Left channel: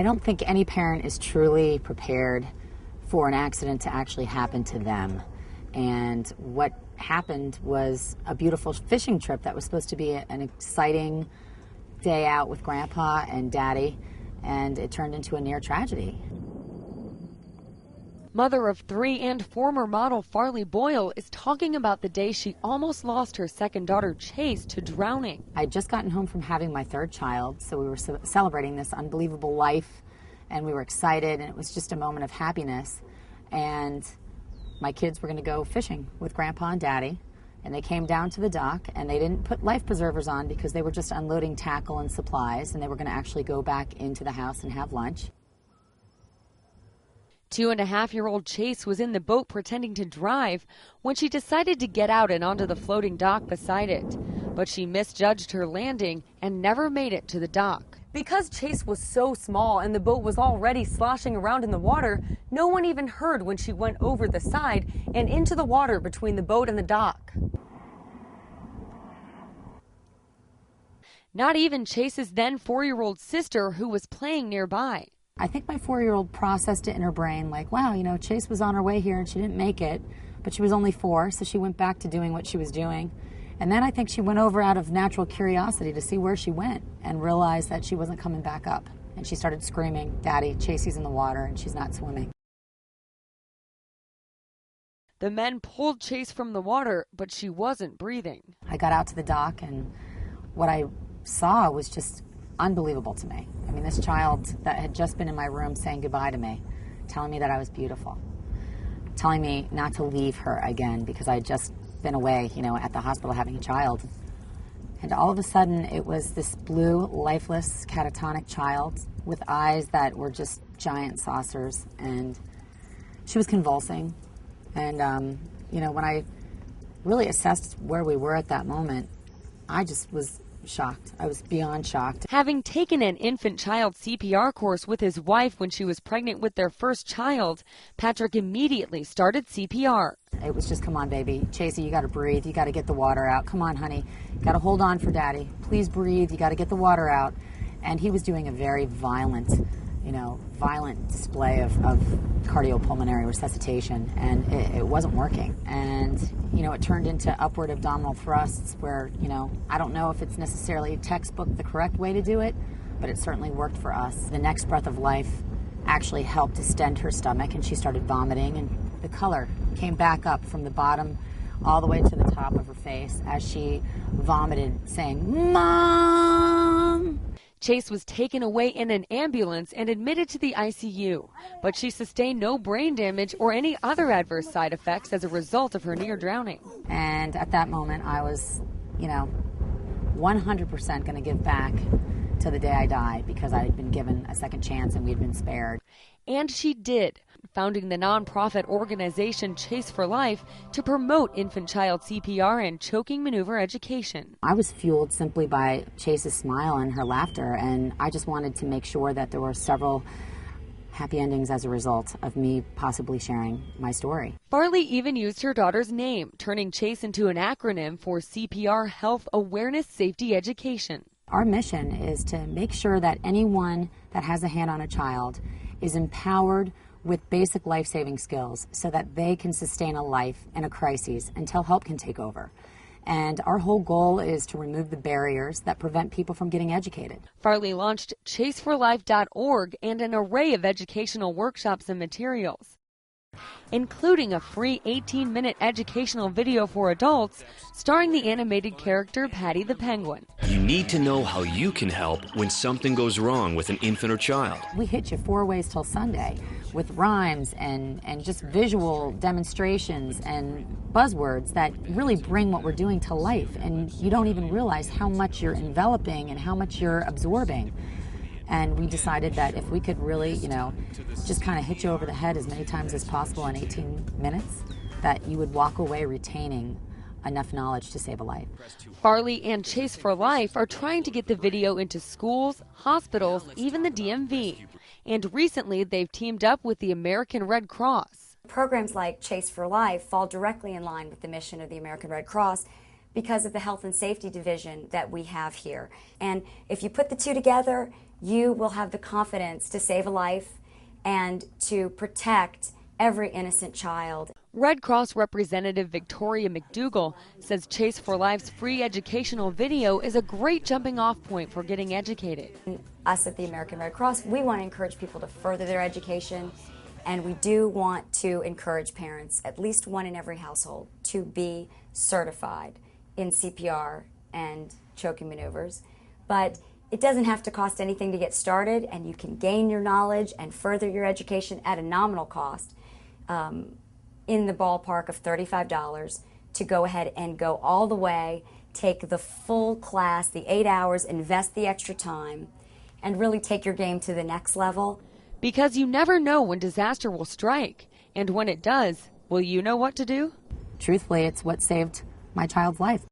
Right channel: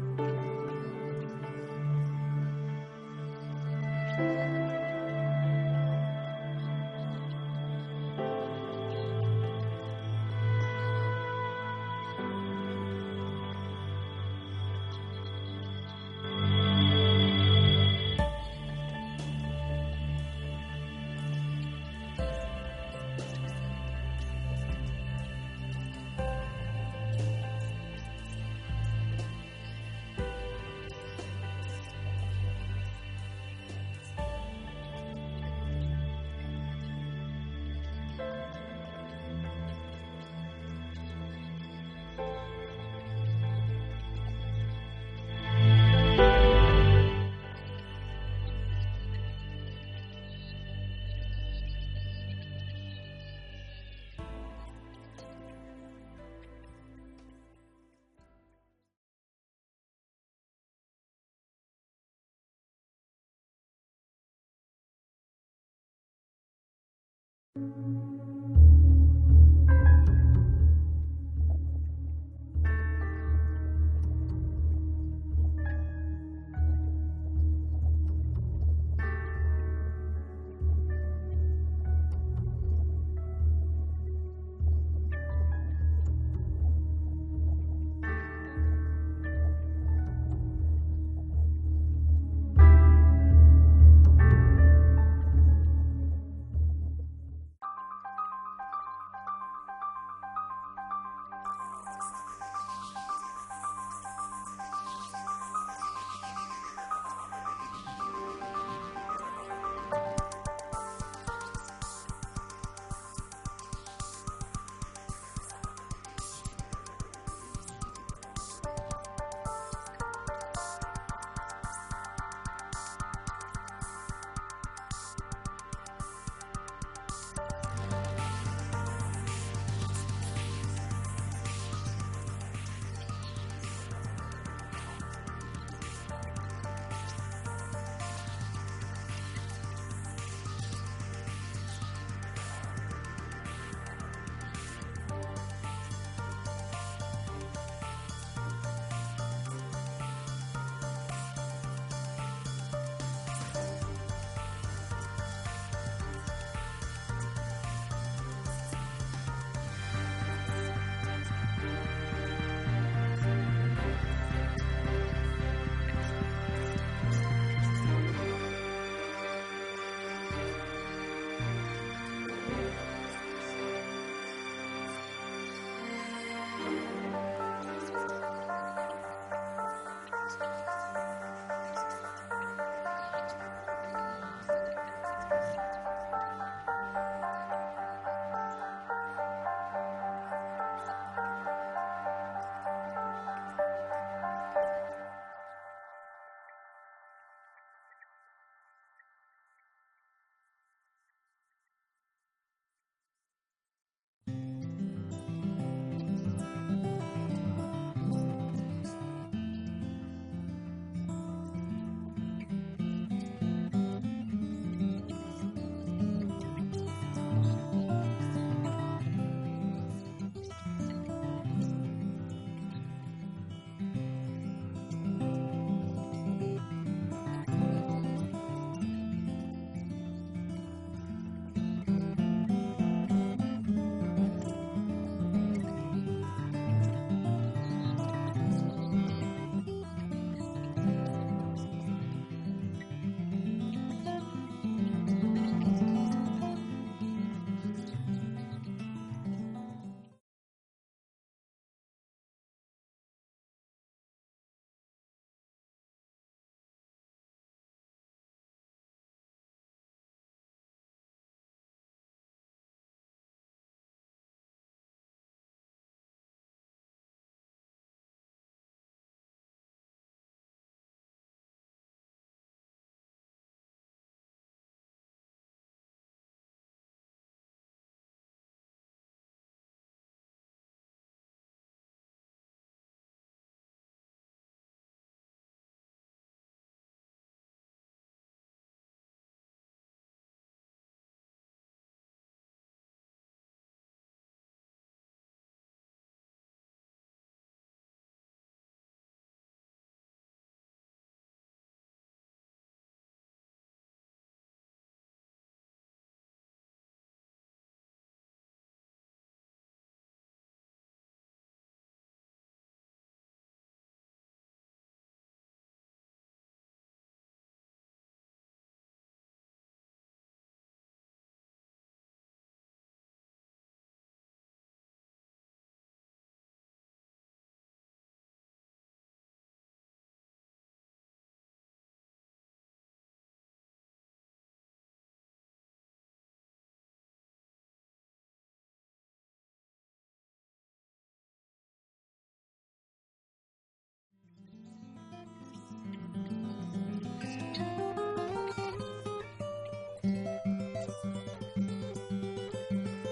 I don't think any parent is truly prepared for an accident to actually happen to them. And what happened was a beautiful fishing trip that was supposed to be an exciting day out with Grandpa and Daddy, and it turned into a near tragedy. Mother of 3 and former model Farley Boyle is talking about the day she almost lost her second daughter, Chase, to drowning. I'd just gotten home from having my third child, so we were celebrating this unbelievable life, and we were excited, and it was just a moment of happiness. And my kids were going to go fishing with Grandpa and Daddy, and they came down to the dock, and they didn't put life preservers on because they were just unloading tackle and supplies, and they were going to actually go back into the house and have lunch. 2.5-year-old Chase was in the boat pretending to drive when she decided to get out and onto the floating dock beside it. But she misjudged her landing and never made it to the dock. Because Chase was so small and the boat was already sloshing around in the water, no one even heard when she went over the side and into the water between the boat and the dock. Not even Chase's then 4-year-old sister, who was playing nearby. I think my 4-year-old processed it in her brain like, wow, you know, Chase was on her way here and she didn't make it, but she was only 4, so she went back to doing what she was doing. And then I think she went over out of natural curiosity to see where she went and realized that she wasn't coming back up. And she started screaming, Daddy, Chasey's in the water and she's not swimming. The men pulled Chase from the water, but she wasn't breathing. I got out to the dock, and what I saw was just unbelievable to me. I mean, this child that had just been in my room saying goodbye to me, telling me that I was beautiful, telling me not to leave her again because I had just been away, you know, at the hospital having a child. And all of a sudden, it was this blue, lifeless, catatonic child with eyes that were just giant saucers, and she was convulsing. And, you know, when I really assessed where we were at that moment, I just was shocked. I was beyond shocked. Having taken an infant-child CPR course with his wife when she was pregnant with their first child, Patrick immediately started CPR. It was just, come on, baby. Chasey, you got to breathe. You got to get the water out. Come on, honey. You got to hold on for Daddy. Please breathe. You got to get the water out. And he was doing a very violent, violent display of cardiopulmonary resuscitation, and it wasn't working. And, it turned into upward abdominal thrusts where, I don't know if it's necessarily textbook the correct way to do it, but it certainly worked for us. The next breath of life actually helped distend her stomach, and she started vomiting, and the color came back up from the bottom all the way to the top of her face as she vomited, saying, "Mom!" Chase was taken away in an ambulance and admitted to the ICU, but she sustained no brain damage or any other adverse side effects as a result of her near drowning. And at that moment, I was, 100% going to give back to the day I died because I had been given a second chance and we'd been spared. And she did, founding the nonprofit organization Chaseforlife to promote infant-child CPR and choking maneuver education. I was fueled simply by Chase's smile and her laughter, and I just wanted to make sure that there were several happy endings as a result of me possibly sharing my story. Farley even used her daughter's name, turning Chase into an acronym for CPR Health Awareness Safety Education. Our mission is to make sure that anyone that has a hand on a child is empowered with basic life-saving skills so that they can sustain a life in a crisis until help can take over. And our whole goal is to remove the barriers that prevent people from getting educated. Farley launched Chaseforlife.org and an array of educational workshops and materials, including a free 18-minute educational video for adults starring the animated character Patty the Penguin. You need to know how you can help when something goes wrong with an infant or child. We hit you 4 ways till Sunday with rhymes and just visual demonstrations and buzzwords that really bring what we're doing to life, and you don't even realize how much you're enveloping and how much you're absorbing. And we decided that if we could really, just kind of hit you over the head as many times as possible in 18 minutes, that you would walk away retaining enough knowledge to save a life. Farley and Chaseforlife are trying to get the video into schools, hospitals, even the DMV. And recently, they've teamed up with the American Red Cross. Programs like Chaseforlife fall directly in line with the mission of the American Red Cross because of the health and safety division that we have here. And if you put the two together, you will have the confidence to save a life and to protect every innocent child. Red Cross Representative Victoria McDougall says Chase for Life's free educational video is a great jumping-off point for getting educated. Us at the American Red Cross, we want to encourage people to further their education, and we do want to encourage parents, at least one in every household, to be certified in CPR and choking maneuvers. But it doesn't have to cost anything to get started, and you can gain your knowledge and further your education at a nominal cost, in the ballpark of $35, to go ahead and go all the way, take the full class, the 8 hours, invest the extra time, and really take your game to the next level. Because you never know when disaster will strike, and when it does, will you know what to do? Truthfully, it's what saved my child's life.